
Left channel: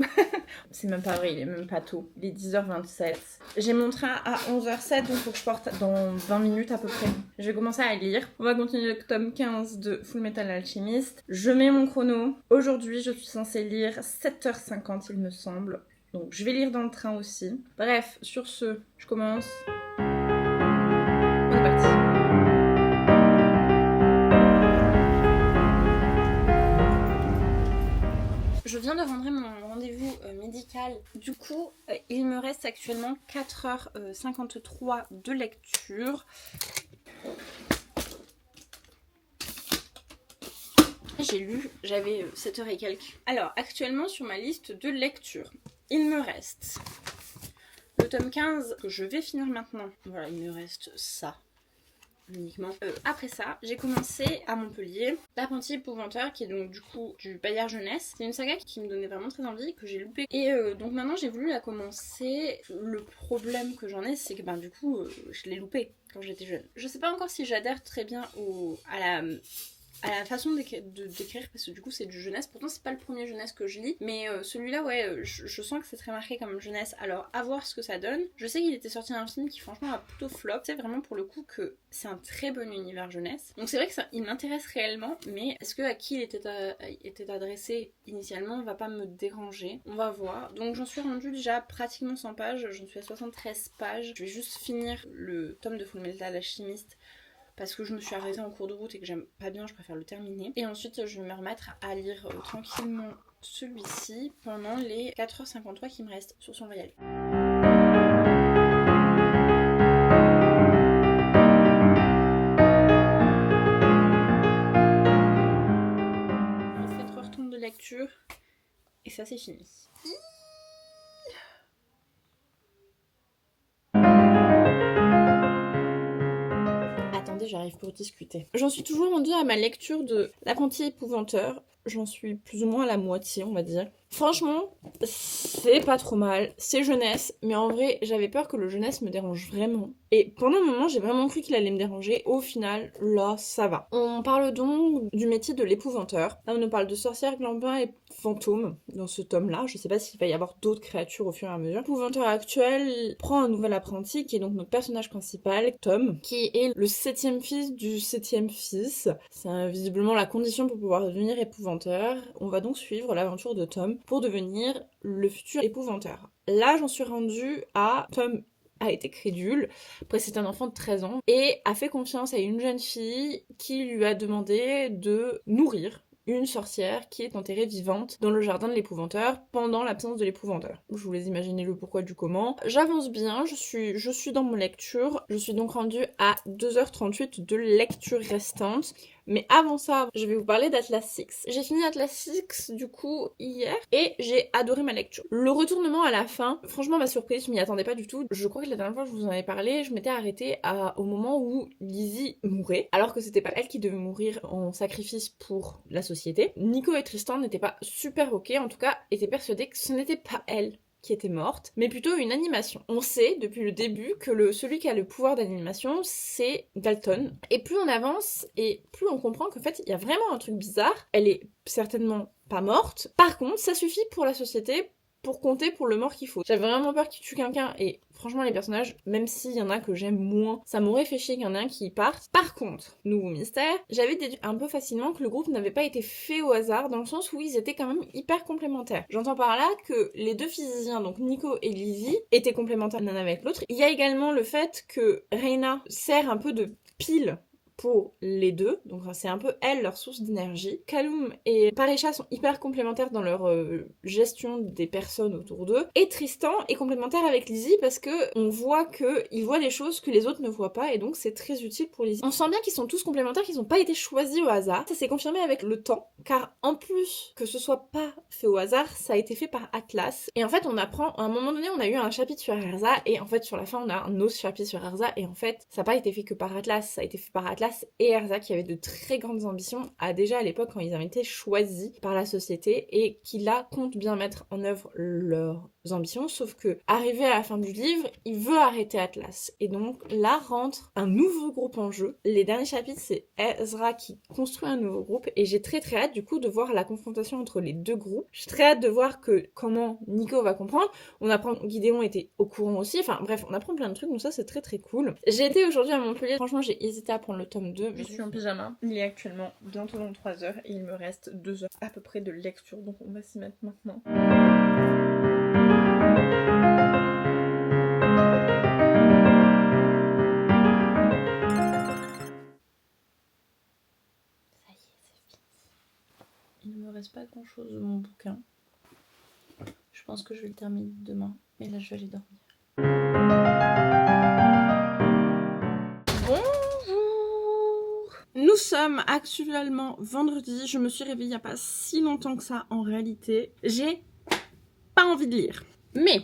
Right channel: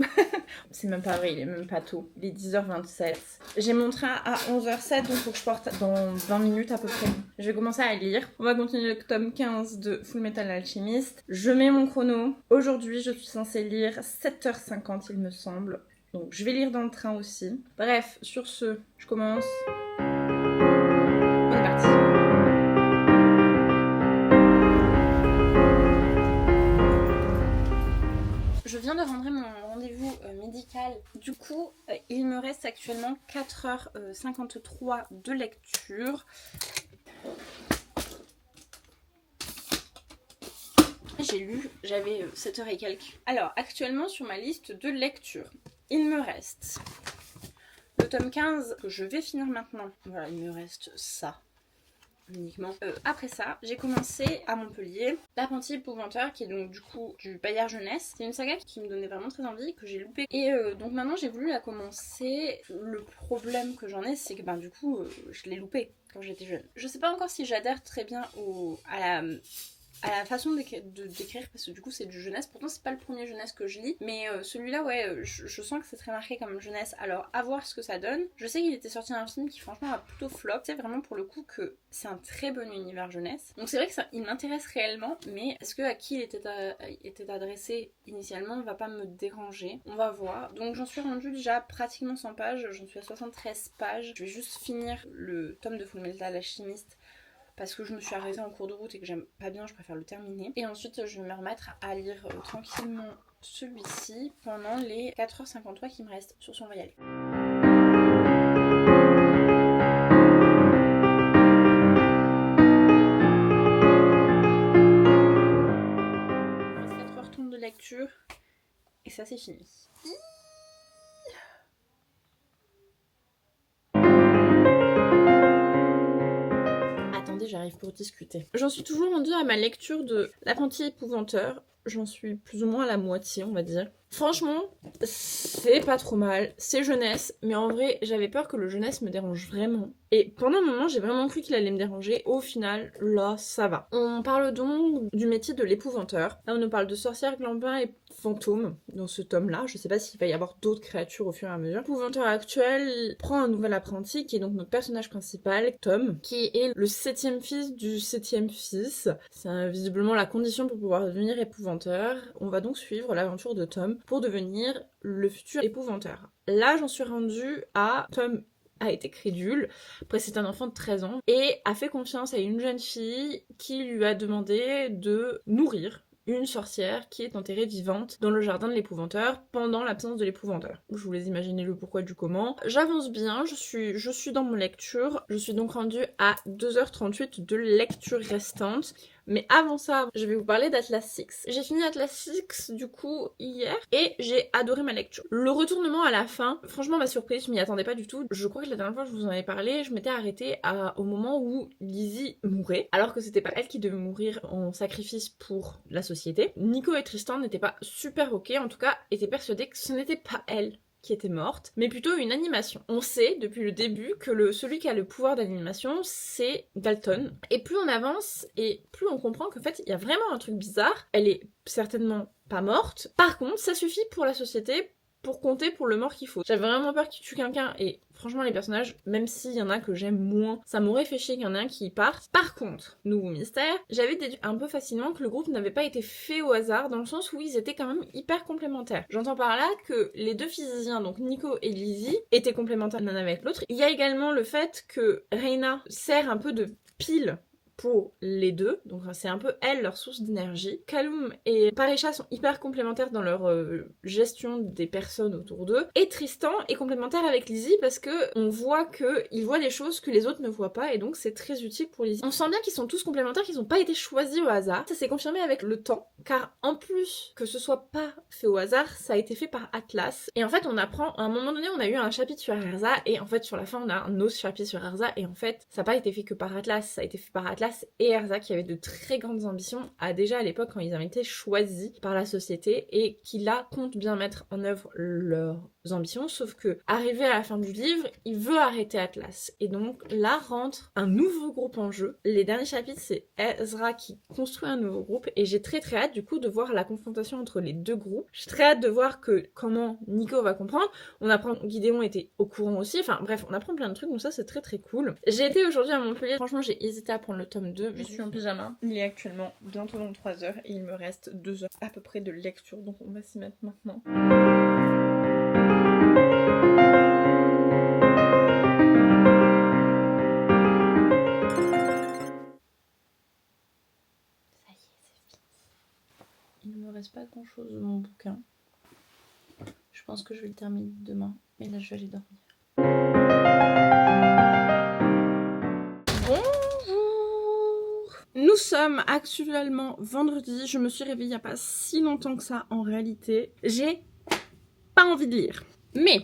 C'est même pas vrai, il est même pas tôt. Il est 10h27. J'ai mon train à 11h07, donc il faut que je parte dans 20 minutes à peu près. Je vais commencer à lire. On va continuer le tome 15 de Fullmetal Alchemist. Je mets mon chrono. Aujourd'hui, je suis censée lire 7h50, il me semble. Donc je vais lire dans le train aussi. Bref, sur ce, je commence. On est parti. Je viens de rendre mon rendez-vous médical. Du coup, il me reste actuellement 4h53 de lecture. J'ai lu, j'avais 7h et quelques. Alors, actuellement sur ma liste de lecture, il me reste le tome 15 que je vais finir maintenant. Voilà, il me reste ça. Uniquement. Après ça, j'ai commencé à Montpellier L'Apprenti Épouvanteur, qui est donc du coup du Bayard Jeunesse. C'est une saga qui me donnait vraiment très envie, que j'ai loupé. Et donc maintenant j'ai voulu la commencer. Le problème que j'en ai, c'est que du coup je l'ai loupé quand j'étais jeune. Je sais pas encore si j'adhère très bien à la façon d'écrire, parce que du coup c'est du jeunesse. Pourtant c'est pas le premier jeunesse que je lis, mais celui-là ouais, je sens que c'est très marqué comme jeunesse. Alors à voir ce que ça donne. Je sais qu'il était sorti un film qui franchement a plutôt flop. C'est vraiment pour le coup que c'est un très bon univers jeunesse. Donc c'est vrai que ça, il m'intéresse réellement, mais est-ce que à qui il était adressé initialement va pas me déranger. On va voir. Donc j'en suis rendue déjà pratiquement 100 pages, j'en suis à 73 pages. Je vais juste finir le tome de Fullmetal Alchemist parce que je me suis arrêtée en cours de route et que j'aime pas bien, je préfère le terminer. Et ensuite, je vais me remettre à lire tranquillement celui-ci pendant les 4h53 qui me restent. Sur ce, on va y aller. Il reste 4h30 de lecture et ça, c'est fini. attendez, j'arrive pour discuter. J'en suis toujours rendue à ma lecture de L'apprenti épouvanteur. J'en suis plus ou moins à la moitié, on va dire. Franchement, c'est pas trop mal, c'est jeunesse, mais en vrai, j'avais peur que le jeunesse me dérange vraiment. Et pendant un moment, j'ai vraiment cru qu'il allait me déranger. Au final, là, ça va. On parle donc du métier de l'épouvanteur. Là, on nous parle de sorcières, glambins et fantômes dans ce tome-là. Je sais pas s'il va y avoir d'autres créatures au fur et à mesure. L'épouvanteur actuel prend un nouvel apprenti, qui est donc notre personnage principal, Tom, qui est le 7e fils du 7e fils. C'est visiblement la condition pour pouvoir devenir épouvanteur. On va donc suivre l'aventure de Tom pour devenir le futur épouvanteur. Là, j'en suis rendue à Tom a été crédule, après c'est un enfant de 13 ans, et a fait confiance à une jeune fille qui lui a demandé de nourrir une sorcière qui est enterrée vivante dans le jardin de l'épouvanteur pendant l'absence de l'épouvanteur. Je vous laisse imaginer le pourquoi du comment. J'avance bien, je suis dans mon lecture, je suis donc rendue à 2h38 de lecture restante. Mais avant ça, je vais vous parler d'Atlas Six. J'ai fini Atlas Six du coup hier et j'ai adoré ma lecture. Le retournement à la fin, franchement ma surprise, je m'y attendais pas du tout. Je crois que la dernière fois que je vous en avais parlé, je m'étais arrêtée au moment où Lizzie mourait, alors que c'était pas elle qui devait mourir en sacrifice pour la société. Nico et Tristan n'étaient pas super ok, en tout cas étaient persuadés que ce n'était pas elle qui était morte, mais plutôt une animation. On sait depuis le début que celui qui a le pouvoir d'animation, c'est Dalton. Et plus on avance, et plus on comprend qu'en fait, il y a vraiment un truc bizarre. Elle est certainement pas morte. Par contre, ça suffit pour la société pour compter pour le mort qu'il faut. J'avais vraiment peur qu'il tue quelqu'un, et franchement les personnages, même s'il y en a que j'aime moins, ça m'aurait fait chier qu'il y en ait un qui parte. Par contre, nouveau mystère, j'avais déduit un peu facilement que le groupe n'avait pas été fait au hasard, dans le sens où ils étaient quand même hyper complémentaires. J'entends par là que les deux physiciens, donc Nico et Lizzie, étaient complémentaires l'un avec l'autre. Il y a également le fait que Reina sert un peu de pile pour les deux, donc c'est un peu elle leur source d'énergie. Kaloum et Parecha sont hyper complémentaires dans leur gestion des personnes autour d'eux, et Tristan est complémentaire avec Lizzie parce que on voit qu'il voit des choses que les autres ne voient pas, et donc c'est très utile pour Lizzie. On sent bien qu'ils sont tous complémentaires, qu'ils n'ont pas été choisis au hasard. Ça s'est confirmé avec le temps, car en plus que ce soit pas fait au hasard, ça a été fait par Atlas. Et en fait on apprend, à un moment donné on a eu un chapitre sur Erza, et en fait sur la fin on a un autre chapitre sur Erza, et en fait ça n'a pas été fait que par Atlas, ça a été fait par Atlas et Erza, qui avait de très grandes ambitions, déjà à l'époque quand ils avaient été choisis par la société, et qui là comptent bien mettre en œuvre leurs ambitions, sauf que arrivé à la fin du livre, il veut arrêter Atlas, et donc là rentre un nouveau groupe en jeu. Les derniers chapitres, c'est Ezra qui construit un nouveau groupe, et j'ai très hâte du coup de voir la confrontation entre les deux groupes. J'ai très hâte de voir comment Nico va comprendre. On apprend que Gideon était au courant aussi, enfin bref, on apprend plein de trucs, donc ça c'est très cool. J'ai été aujourd'hui à Montpellier, franchement j'ai hésité à prendre le tome 2, je suis en pyjama. Il est actuellement bientôt dans 3 heures et il me reste 2 heures à peu près de lecture, donc on va s'y mettre maintenant. Ça y est, c'est fini. Il ne me reste pas grand chose de mon bouquin. Je pense que je vais le terminer demain, mais là je vais aller dormir. Nous sommes actuellement vendredi, je me suis réveillée il n'y a pas si longtemps que ça en réalité. J'ai pas envie de lire. Mais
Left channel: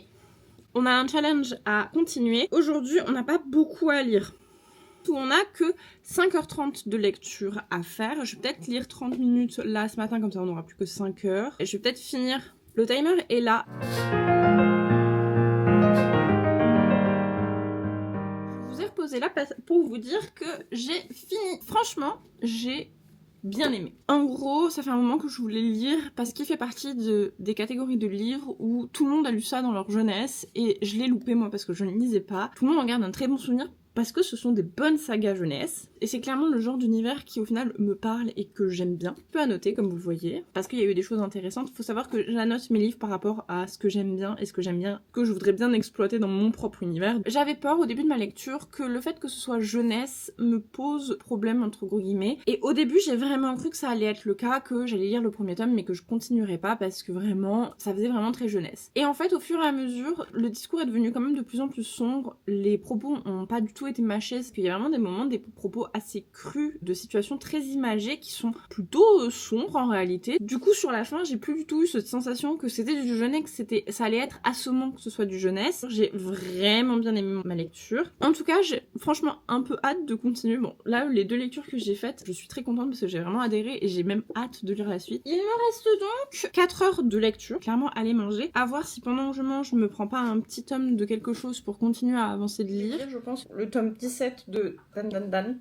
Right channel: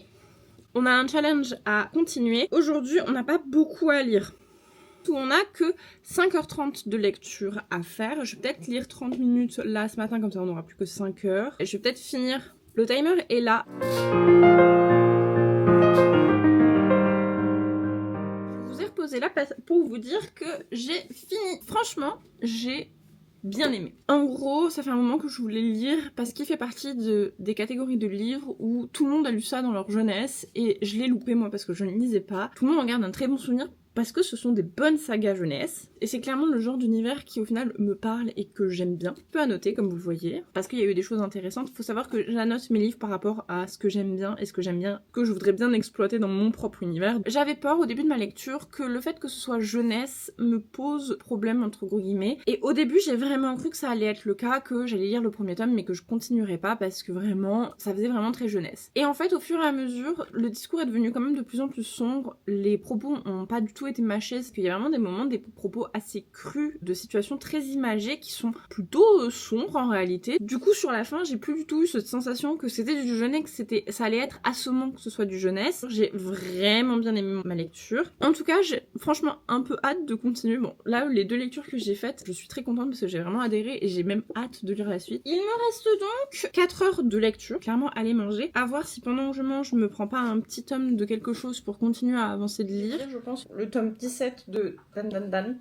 on a un challenge à continuer. Aujourd'hui, on n'a pas beaucoup à lire. On n'a que 5h30 de lecture à faire. Je vais peut-être lire 30 minutes là ce matin, comme ça on n'aura plus que 5 heures. Et je vais peut-être finir. Le timer est là. Reposé là pour vous dire que j'ai fini. Franchement, j'ai bien aimé. En gros, ça fait un moment que je voulais le lire parce qu'il fait partie des catégories de livres où tout le monde a lu ça dans leur jeunesse, et je l'ai loupé moi parce que je ne lisais pas. Tout le monde en garde un très bon souvenir parce que ce sont des bonnes sagas jeunesse, et c'est clairement le genre d'univers qui au final me parle et que j'aime bien. Un peu à noter comme vous le voyez, parce qu'il y a eu des choses intéressantes. Faut savoir que j'annote mes livres par rapport à ce que j'aime bien et ce que j'aime bien, que je voudrais bien exploiter dans mon propre univers. J'avais peur au début de ma lecture que le fait que ce soit jeunesse me pose problème entre gros guillemets, et au début j'ai vraiment cru que ça allait être le cas, que j'allais lire le premier tome mais que je continuerais pas parce que vraiment ça faisait vraiment très jeunesse. Et en fait au fur et à mesure le discours est devenu quand même de plus en plus sombre, les propos ont pas du tout tout été mâché, parce qu'il y a vraiment des moments, des propos assez crus, de situations très imagées qui sont plutôt sombres en réalité. Du coup, sur la fin, j'ai plus du tout eu cette sensation que c'était du jeunesse, que ça allait être assommant que ce soit du jeunesse. J'ai vraiment bien aimé ma lecture. En tout cas, j'ai franchement un peu hâte de continuer. Bon, là, les 2 lectures que j'ai faites, je suis très contente parce que j'ai vraiment adhéré et j'ai même hâte de lire la suite. Il me reste donc 4 heures de lecture, clairement aller manger. À voir si pendant que je mange, je me prends pas un petit tome de quelque chose pour continuer à avancer de lire. Je pense le tome 17 de Dan Dan Dan.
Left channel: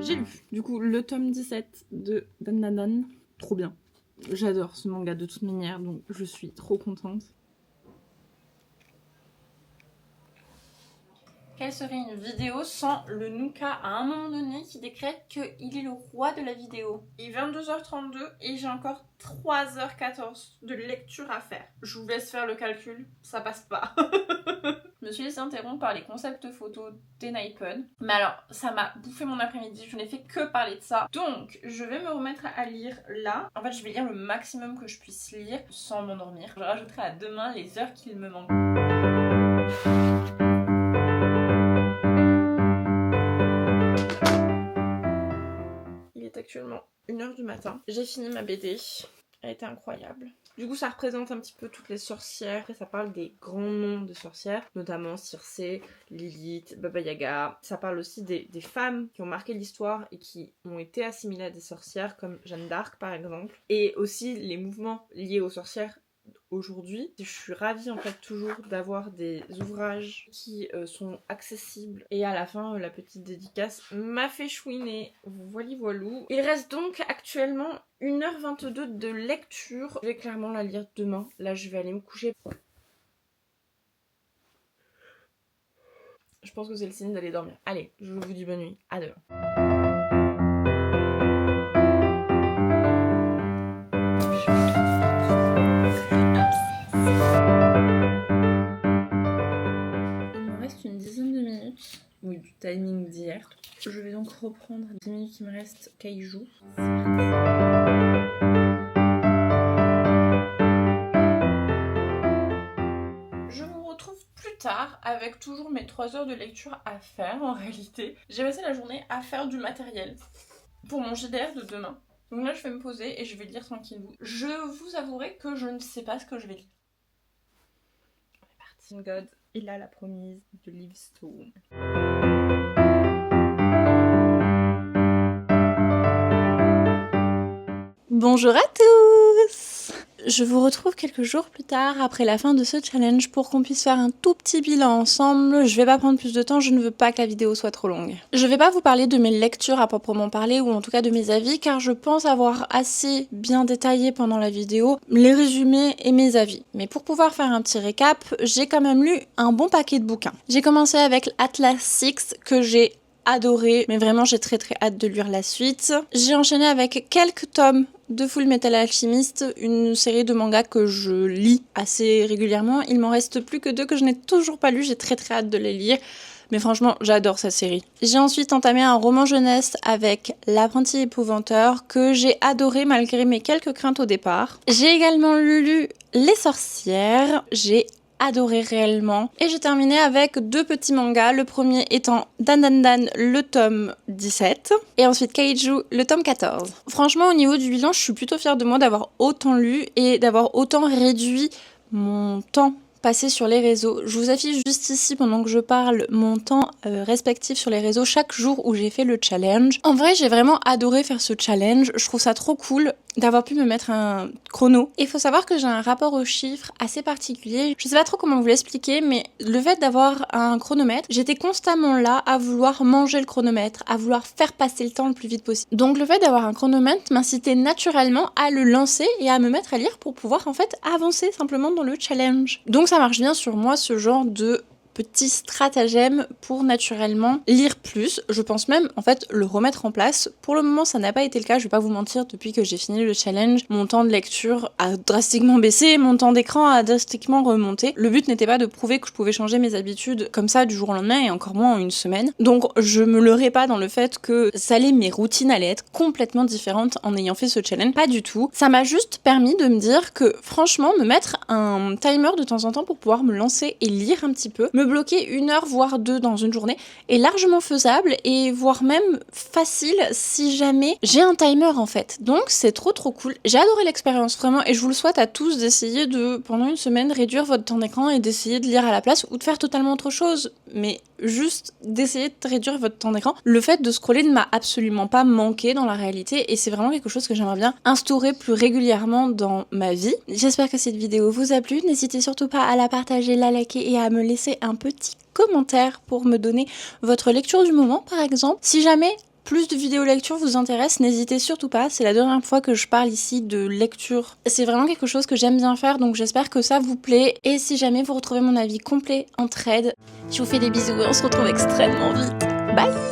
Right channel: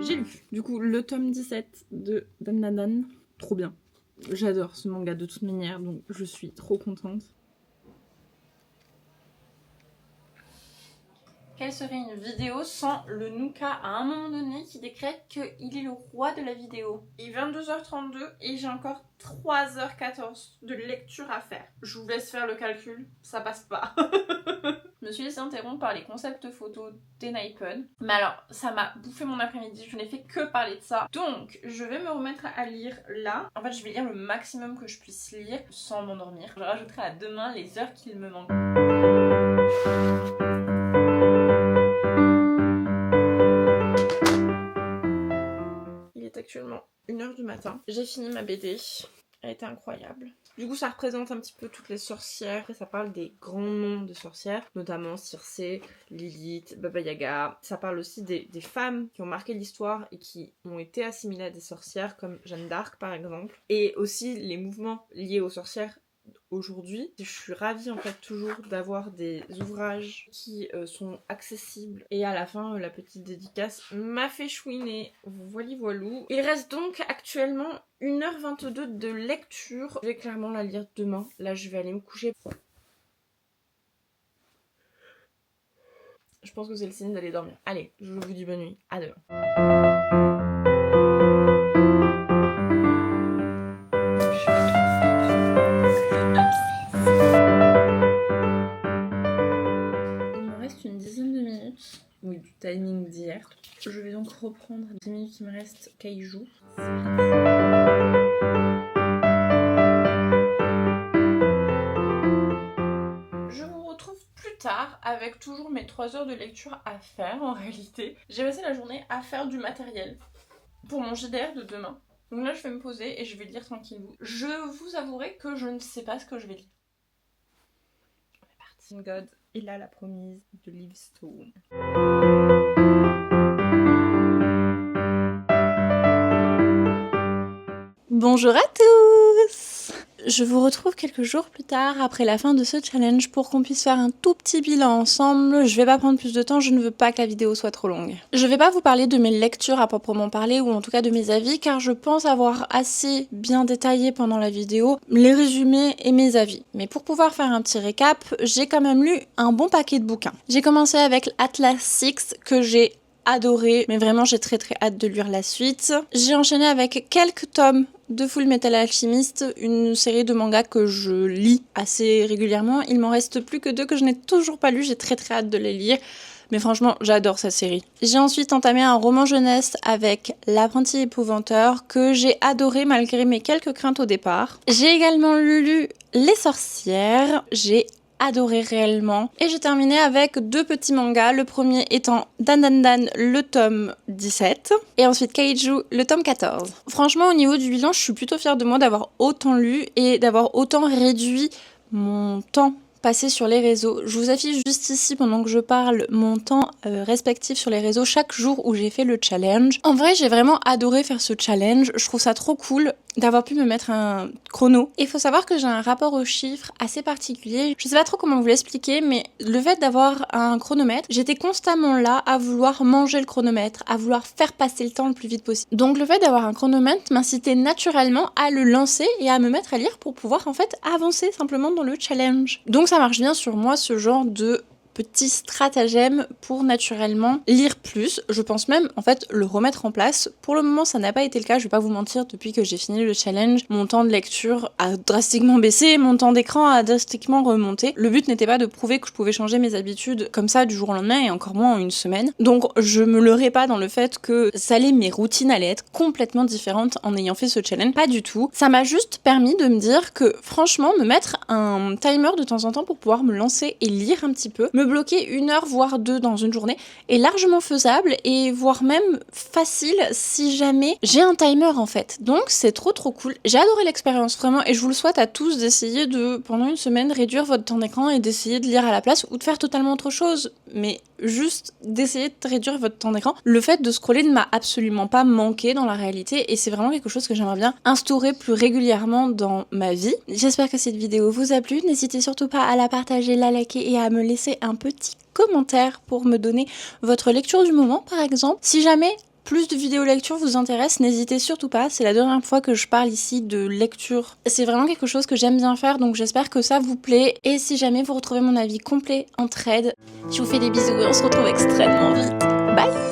J'ai lu. Du coup, le tome 17 de Dan Dan Dan. Trop bien. J'adore ce manga de toute manière, donc je suis trop contente. Quelle serait une vidéo sans le Nuka à un moment donné qui décrète qu'il est le roi de la vidéo? Il est 22h32 et j'ai encore 3h14 de lecture à faire. Je vous laisse faire le calcul, ça passe pas. Je me suis laissée interrompre par les concepts photos d'Enhypen. Mais alors, ça m'a bouffé mon après-midi, je n'ai fait que parler de ça. Donc, je vais me remettre à lire là. En fait, je vais lire le maximum que je puisse lire sans m'endormir. Je rajouterai à demain les heures qu'il me manque. Actuellement 1h du matin. J'ai fini ma BD. Elle était incroyable. Du coup, ça représente un petit peu toutes les sorcières. Après, ça parle des grands noms de sorcières, notamment Circé, Lilith, Baba Yaga. Ça parle aussi des femmes qui ont marqué l'histoire et qui ont été assimilées à des sorcières, comme Jeanne d'Arc par exemple. Et aussi les mouvements liés aux sorcières aujourd'hui. Je suis ravie en fait toujours d'avoir des ouvrages qui sont accessibles. Et à la fin, la petite dédicace m'a fait chouiner. Voilà voilou. Il reste donc actuellement 1h22 de lecture. Je vais clairement la lire demain. Là, je vais aller me coucher. Je pense que c'est le signe d'aller dormir. Allez, je vous dis bonne nuit. À demain. Une dizaine de minutes, oui, du timing d'hier. Je vais donc reprendre 10 minutes qui me restent Kaiju. Je vous retrouve plus tard avec toujours mes 3 heures de lecture à faire en réalité. J'ai passé la journée à faire du matériel pour mon JDR de demain. Donc là je vais me poser et je vais lire tranquillement. Je vous avouerai que je ne sais pas ce que je vais lire. On est parti. God. Il a la promise de Livestone. Bonjour à tous! Je vous retrouve quelques jours plus tard après la fin de ce challenge pour qu'on puisse faire un tout petit bilan ensemble. Je vais pas prendre plus de temps, je ne veux pas que la vidéo soit trop longue. Je vais pas vous parler de mes lectures à proprement parler ou en tout cas de mes avis car je pense avoir assez bien détaillé pendant la vidéo les résumés et mes avis. Mais pour pouvoir faire un petit récap, j'ai quand même lu un bon paquet de bouquins. J'ai commencé avec Atlas Six que j'ai adoré, mais vraiment j'ai très hâte de lire la suite. J'ai enchaîné avec quelques tomes de Full Metal Alchemist, une série de mangas que je lis assez régulièrement. Il m'en reste plus que 2 que je n'ai toujours pas lus, j'ai très hâte de les lire. Mais franchement, j'adore cette série. J'ai ensuite entamé un roman jeunesse avec L'apprenti épouvanteur que j'ai adoré malgré mes quelques craintes au départ. J'ai également lu Les sorcières, j'ai adoré réellement. Et j'ai terminé avec 2 petits mangas, le premier étant Dan Dan Dan, le tome 17, et ensuite Kaiju, le tome 14. Franchement, au niveau du bilan, je suis plutôt fière de moi d'avoir autant lu et d'avoir autant réduit mon temps passé sur les réseaux. Je vous affiche juste ici, pendant que je parle, mon temps respectif sur les réseaux chaque jour où j'ai fait le challenge. En vrai, j'ai vraiment adoré faire ce challenge. Je trouve ça trop cool d'avoir pu me mettre un chrono. Il faut savoir que j'ai un rapport aux chiffres assez particulier. Je sais pas trop comment vous l'expliquer, mais le fait d'avoir un chronomètre, j'étais constamment là à vouloir manger le chronomètre, à vouloir faire passer le temps le plus vite possible. Donc le fait d'avoir un chronomètre m'incitait naturellement à le lancer et à me mettre à lire pour pouvoir en fait avancer simplement dans le challenge. Donc ça marche bien sur moi ce genre de petit stratagème pour naturellement lire plus. Je pense même en fait le remettre en place. Pour le moment ça n'a pas été le cas, je vais pas vous mentir, depuis que j'ai fini le challenge, mon temps de lecture a drastiquement baissé, mon temps d'écran a drastiquement remonté. Le but n'était pas de prouver que je pouvais changer mes habitudes comme ça du jour au lendemain et encore moins en une semaine. Donc je me leurrai pas dans le fait que mes routines allaient être complètement différentes en ayant fait ce challenge. Pas du tout. Ça m'a juste permis de me dire que franchement me mettre un timer de temps en temps pour pouvoir me lancer et lire un petit peu, me bloquer 1 heure voire 2 dans une journée est largement faisable et voire même facile si jamais j'ai un timer en fait. Donc c'est trop cool. J'ai adoré l'expérience vraiment et je vous le souhaite à tous d'essayer de pendant une semaine réduire votre temps d'écran et d'essayer de lire à la place ou de faire totalement autre chose, mais juste d'essayer de réduire votre temps d'écran. Le fait de scroller ne m'a absolument pas manqué dans la réalité et c'est vraiment quelque chose que j'aimerais bien instaurer plus régulièrement dans ma vie. J'espère que cette vidéo vous a plu. N'hésitez surtout pas à la partager, la liker et à me laisser un petit commentaire pour me donner votre lecture du moment par exemple. Si jamais plus de vidéos lecture vous intéressent, n'hésitez surtout pas, c'est la dernière fois que je parle ici de lecture. C'est vraiment quelque chose que j'aime bien faire, donc j'espère que ça vous plaît. Et si jamais vous retrouvez mon avis complet en thread, je vous fais des bisous et on se retrouve extrêmement vite. Bye!